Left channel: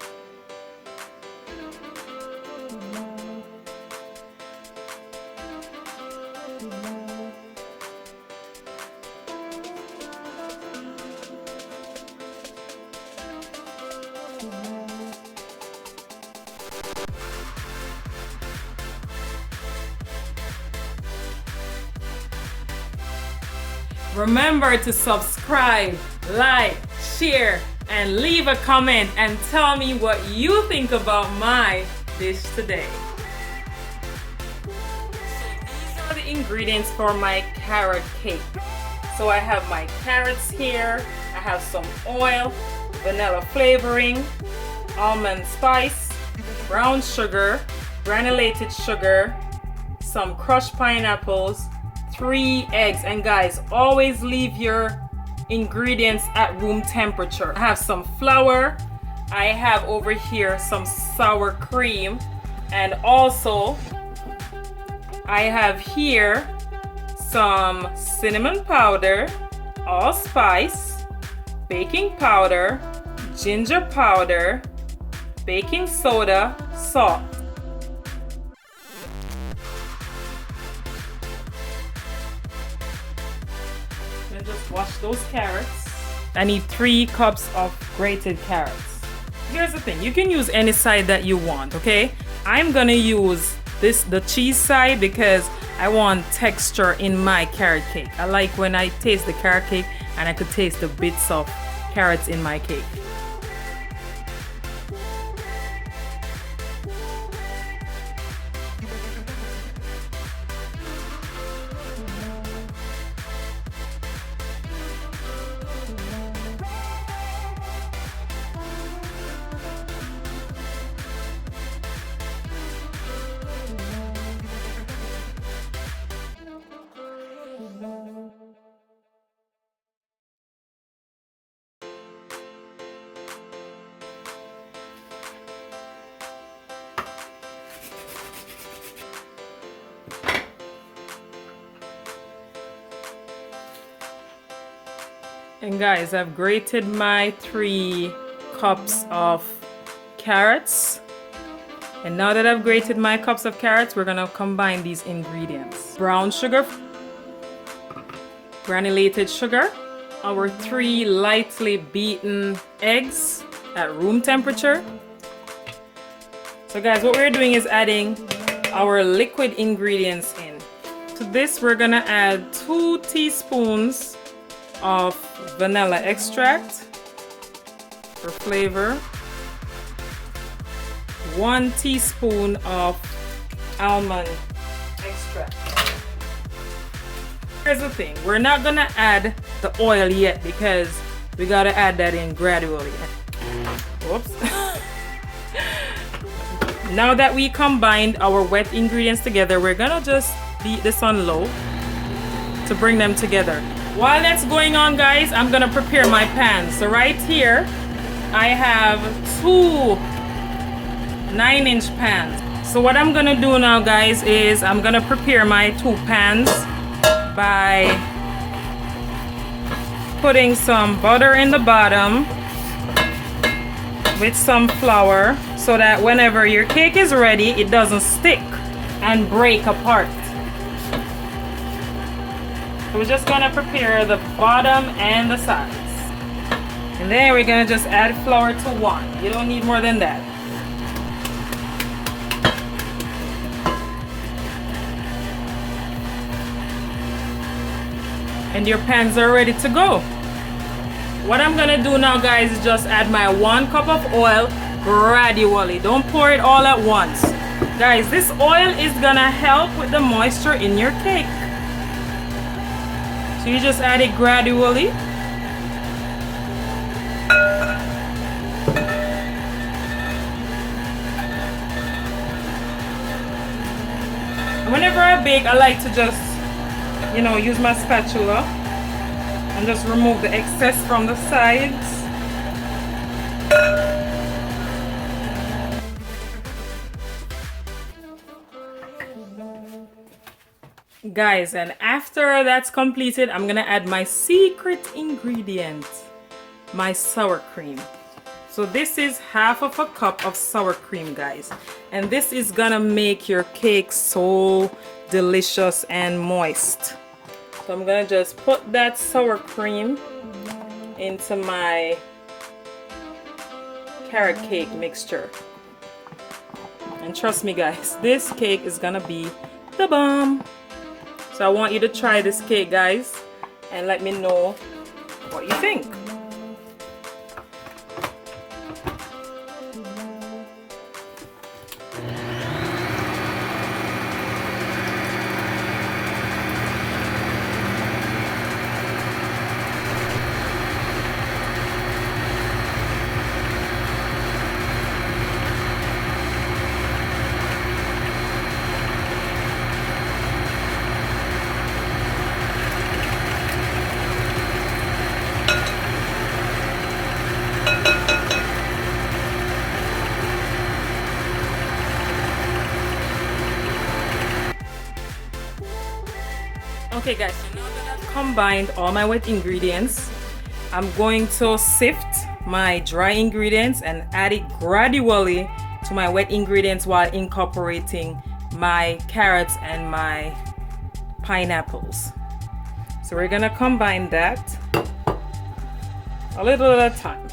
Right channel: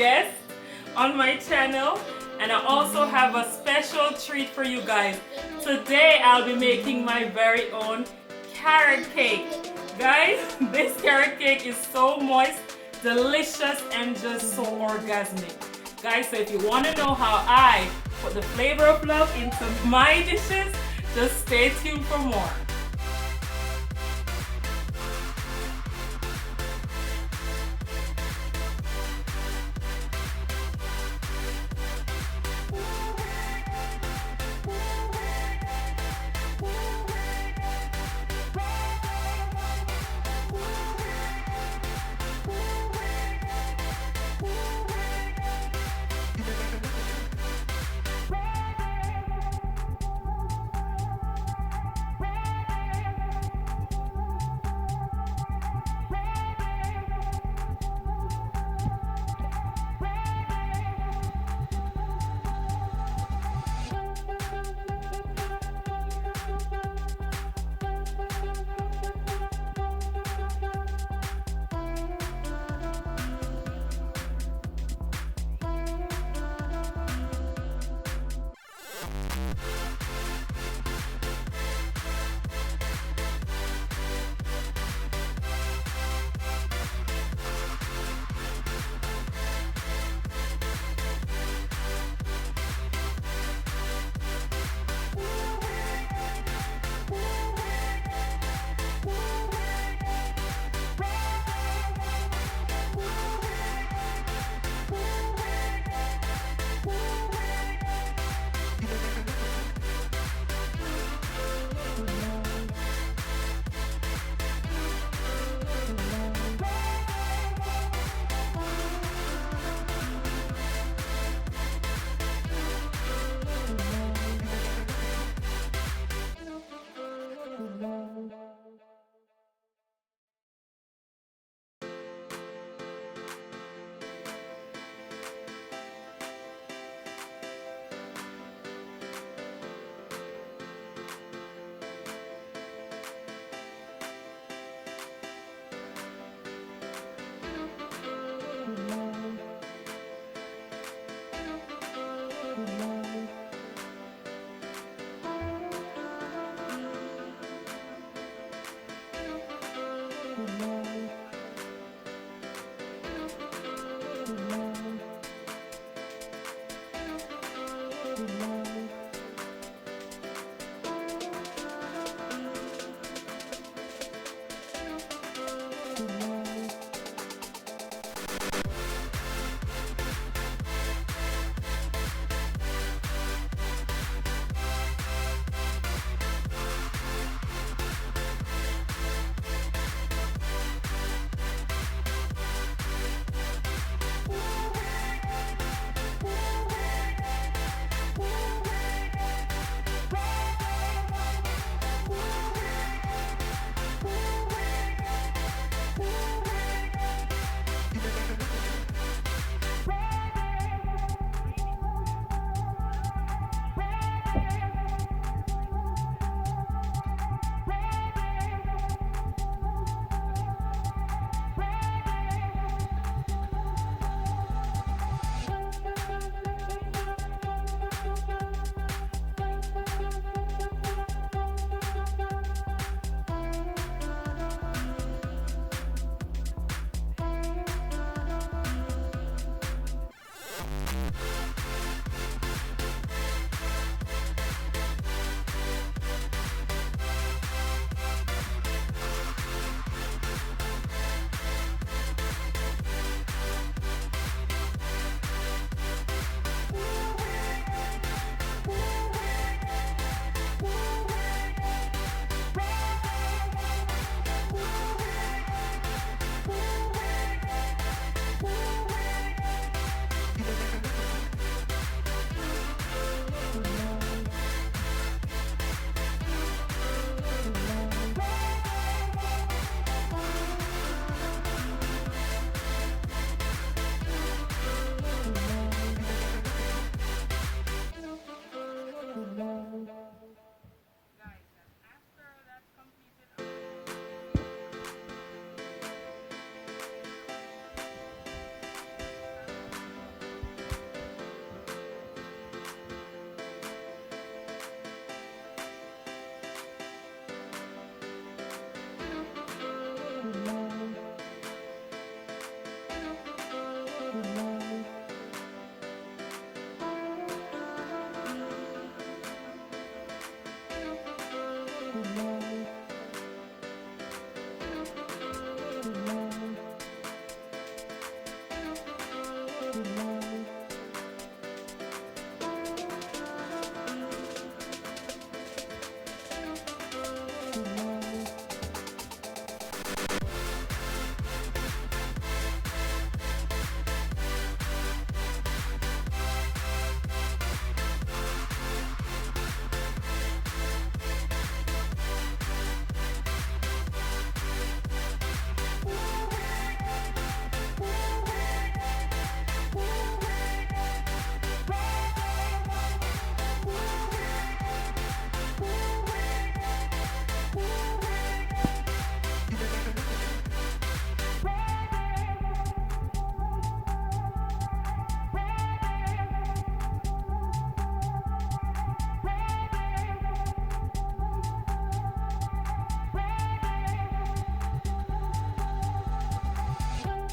guest on my channel, and I also have a special treat for you guys. Today I'll be making my very own carrot cake. Guys, this carrot cake is so moist, delicious, and just so orgasmic. Guys, so if you want to know how I put the flavor of love into my dishes, just stay tuned for more. Remember to subscribe, like, share, and leave a comment and tell me what you think about my dish today. These are the ingredients for my carrot cake. So I have my carrots here, I have some oil, vanilla flavoring, almond spice, brown sugar, granulated sugar, some crushed pineapples, 3 eggs. And guys, always leave your ingredients at room temperature. I have some flour, I have over here some sour cream, and also I have here some cinnamon powder, allspice, baking powder, ginger powder, baking soda, salt. Wash those carrots. I need 3 cups of grated carrots. Here's the thing, you can use any side that you want, okay? I'm gonna use the cheese side because I want texture in my carrot cake. I like when I taste the carrot cake and I could taste the bits of carrots in my cake. And guys, I've grated my 3 cups of carrots. And now that I've grated my cups of carrots, we're gonna combine these ingredients. Brown sugar, granulated sugar, our 3 lightly beaten eggs at room temperature. So guys, what we're doing is adding our liquid ingredients in. To this, we're gonna add 2 teaspoons of vanilla extract for flavor, 1 teaspoon of almond extract. Here's the thing, we're not gonna add the oil yet because we gotta add that in gradually. Whoops. Now that we combined our wet ingredients together, we're gonna just beat this on low to bring them together. While that's going on, guys, I'm gonna prepare my pans. So right here, I have 2 9-inch pans. So what I'm gonna do now, guys, is I'm gonna prepare my 2 pans by putting some butter in the bottom with some flour so that whenever your cake is ready, it doesn't stick and break apart. So we're just gonna prepare the bottom and the sides. And then we're gonna just add flour to 1. You don't need more than that. And your pans are ready to go. What I'm gonna do now, guys, is just add my 1 cup of oil gradually. Don't pour it all at once. Guys, this oil is gonna help with the moisture in your cake. So you just add it gradually. Whenever I bake, I like to just, use my spatula and just remove the excess from the sides. Guys, and after that's completed, I'm gonna add my secret ingredient, my sour cream. So this is half of a cup of sour cream, guys. And this is gonna make your cake so delicious and moist. So I'm gonna just put that sour cream into my carrot cake mixture. And trust me guys, this cake is gonna be the bomb. So I want you to try this cake, guys, and let me know what you think. Okay guys, now that I've combined all my wet ingredients, I'm going to sift my dry ingredients and add it gradually to my wet ingredients while incorporating my carrots and my pineapples. So we're gonna combine that a little at a time.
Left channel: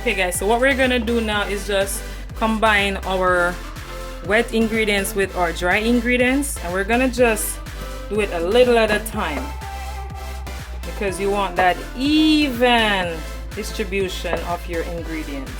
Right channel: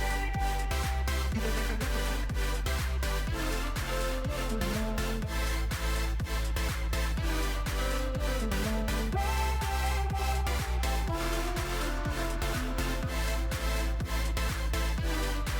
Okay guys, so what we're gonna do now is just combine our wet ingredients with our dry ingredients, and we're gonna just do it a little at a time because you want that even distribution of your ingredients.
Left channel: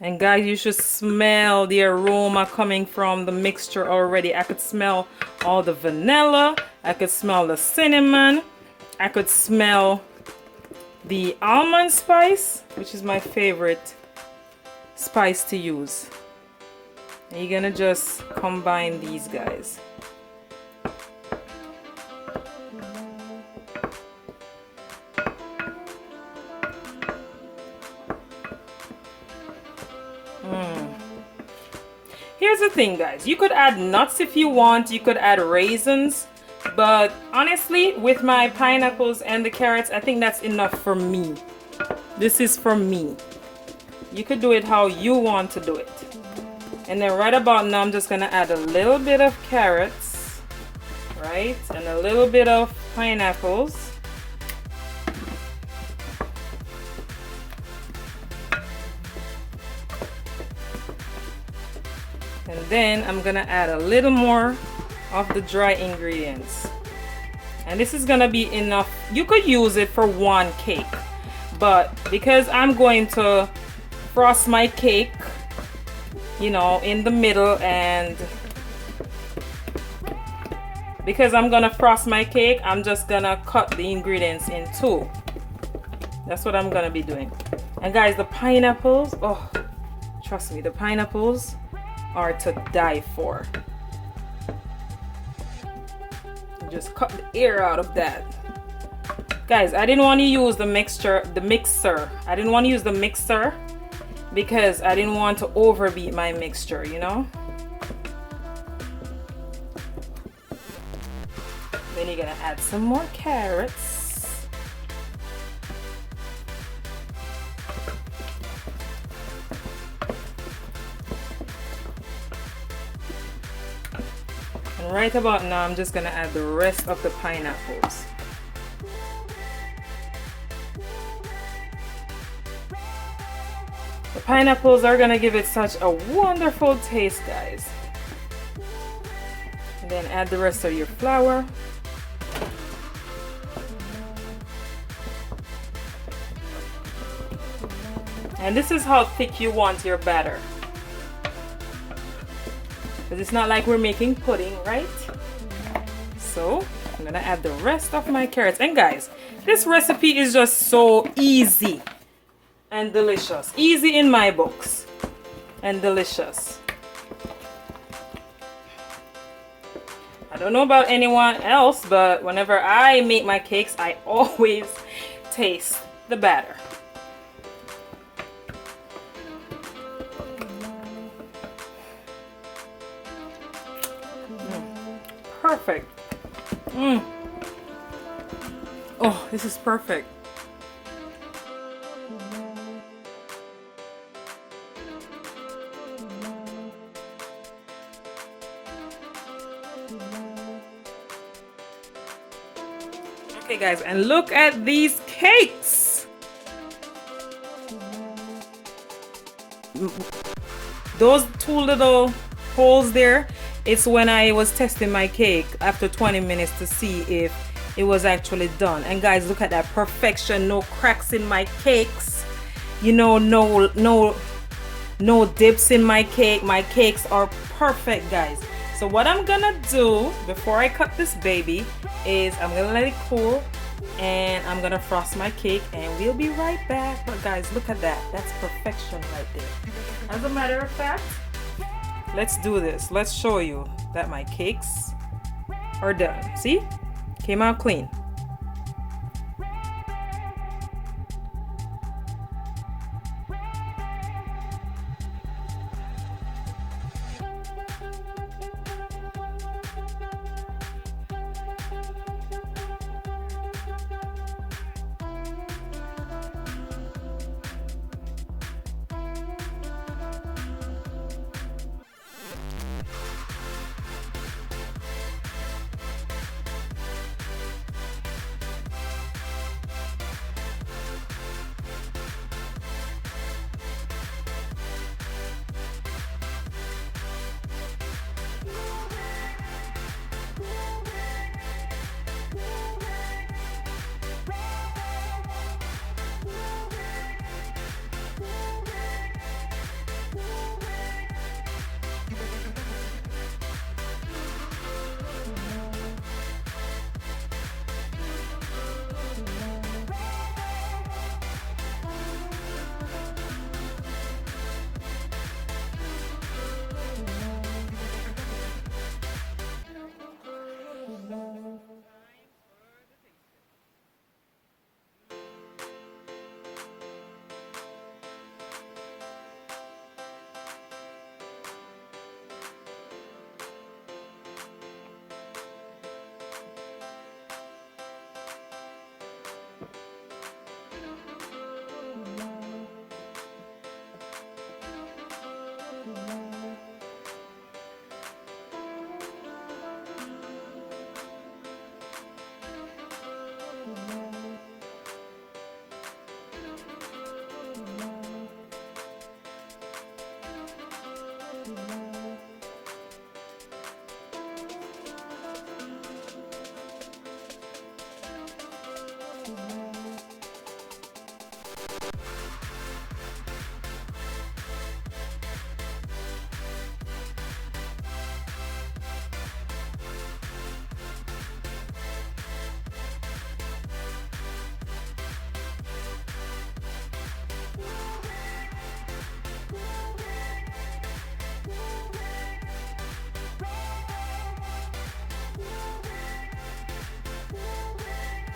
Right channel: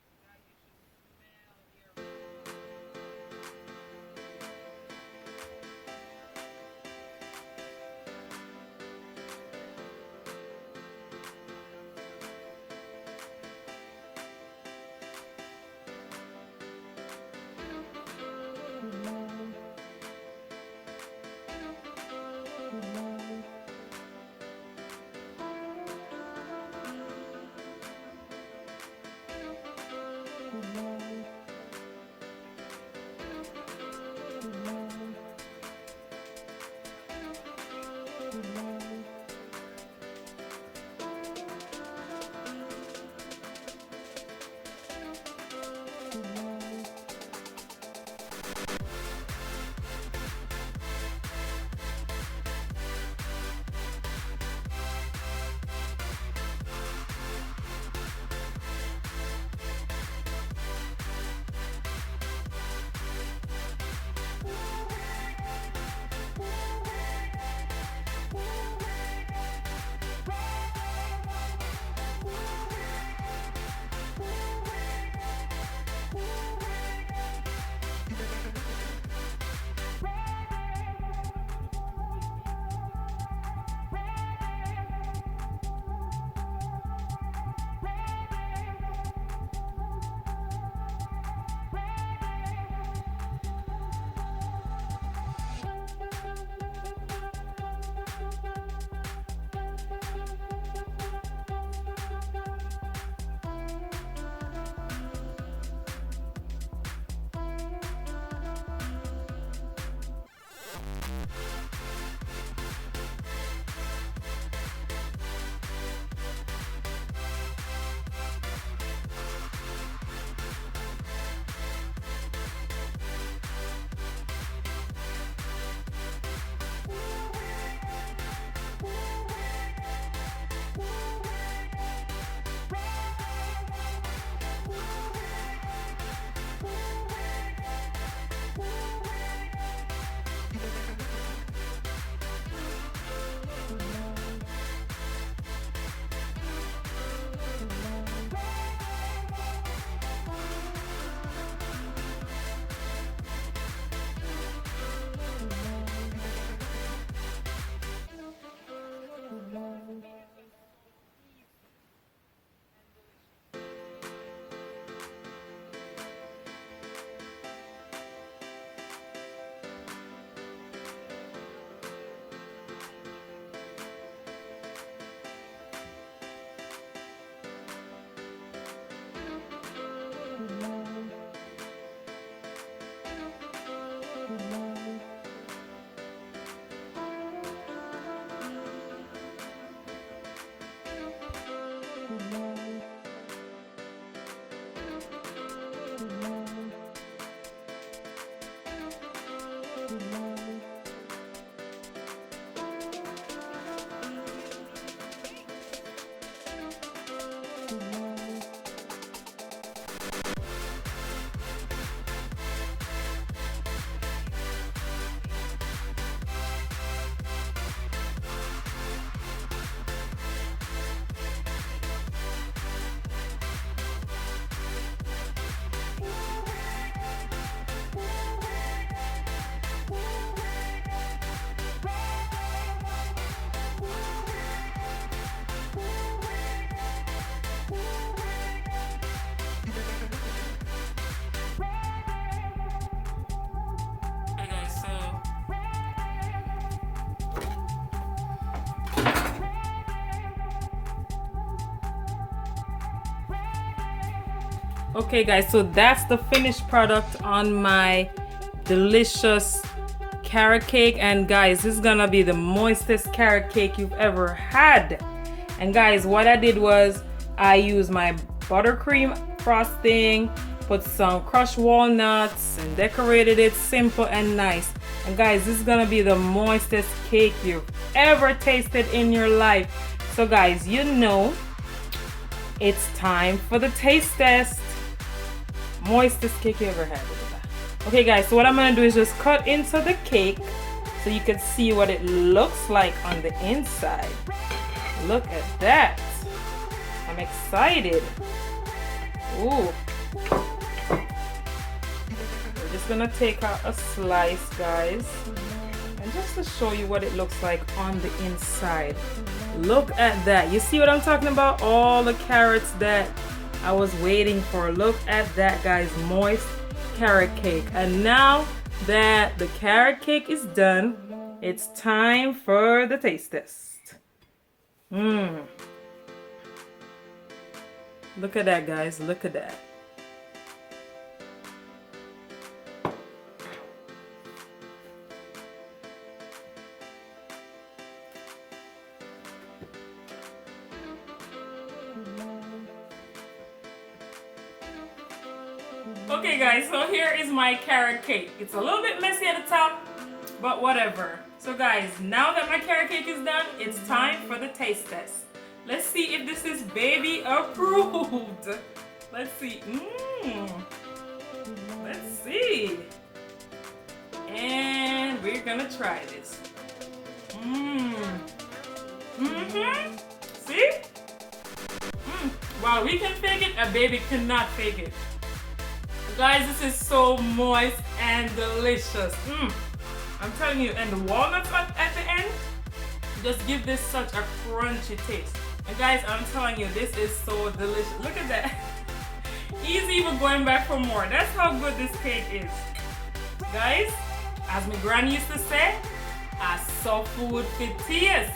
And guys, you should smell the aroma coming from the mixture already. I could smell all the vanilla, I could smell the cinnamon, I could smell the almond spice, which is my favorite spice to use. And you're gonna just combine these guys. Here's the thing guys, you could add nuts if you want, you could add raisins, but honestly with my pineapples and the carrots, I think that's enough for me. This is for me. You could do it how you want to do it. And then right about now I'm just gonna add a little bit of carrots, right, and a little bit of pineapples. Then I'm gonna add a little more of the dry ingredients, and this is gonna be enough. You could use it for one cake, but because I'm going to frost my cake, you know, in the middle, and because I'm gonna frost my cake, I'm just gonna cut the ingredients in two. That's what I'm gonna be doing. And guys, the pineapples, oh, trust me, the pineapples are to die for. Just cut the air out of that. Guys, I didn't want to use the mixer. I didn't want to use the mixer because I didn't want to overbeat my mixture, you know? Then you're gonna add some more carrots. Right about now, I'm just gonna add the rest of the pineapples. The pineapples are gonna give it such a wonderful taste, guys. And then add the rest of your flour. And this is how thick you want your batter. But it's not like we're making pudding, right? So I'm gonna add the rest of my carrots. And guys, this recipe is just so easy and delicious. Easy in my books and delicious. I don't know about anyone else, but whenever I make my cakes, I always taste the batter. Perfect. Oh, this is perfect. Okay guys, and look at these cakes. Those two little holes there, it's when I was testing my cake after 20 minutes to see if it was actually done. And guys, look at that perfection. No cracks in my cakes, you know, no dips in my cake. My cakes are perfect, guys. So what I'm gonna do before I cut this baby is I'm gonna let it cool and I'm gonna frost my cake and we'll be right back. But guys, look at that. That's perfection right there. As a matter of fact, let's do this. Let's show you that my cakes are done. See? Came out clean. Okay guys, so that's the finished product on my delicious carrot cake. And guys, this is gonna be the moistest carrot cake you've ever had. And guys, what I did was I used my buttercream frosting, put some crushed walnuts, and decorated it simple and nice. And guys, this is gonna be the moistest cake you've ever tasted in your life. So guys, you know it's time for the taste test. Moistest cake you ever had. Okay guys, so what I'm gonna do is just cut into the cake so you can see what it looks like on the inside. Look at that. I'm excited. Ooh. Just gonna take out a slice, guys, and just to show you what it looks like on the inside. Look at that. You see what I'm talking about? All the carrots that I was waiting for. Look at that, guys. Moist carrot cake. And now that the carrot cake is done, it's time for the taste test. Look at that, guys. Look at that. Okay guys, so here is my carrot cake. It's a little bit messy at the top, but whatever. So guys, now that my carrot cake is done, it's time for the taste test. Let's see if this is baby approved. Let's see. Let's see. And we're gonna try this. See? Wow, we can fake it, a baby cannot fake it. Guys, this is so moist and delicious. I'm telling you, and the walnuts at the end just give this such a crunchy taste. And guys, I'm telling you, this is so delicious. Look at that. Easy even going back for more. That's how good this cake is. Guys, as my granny used to say, I saw food for taste.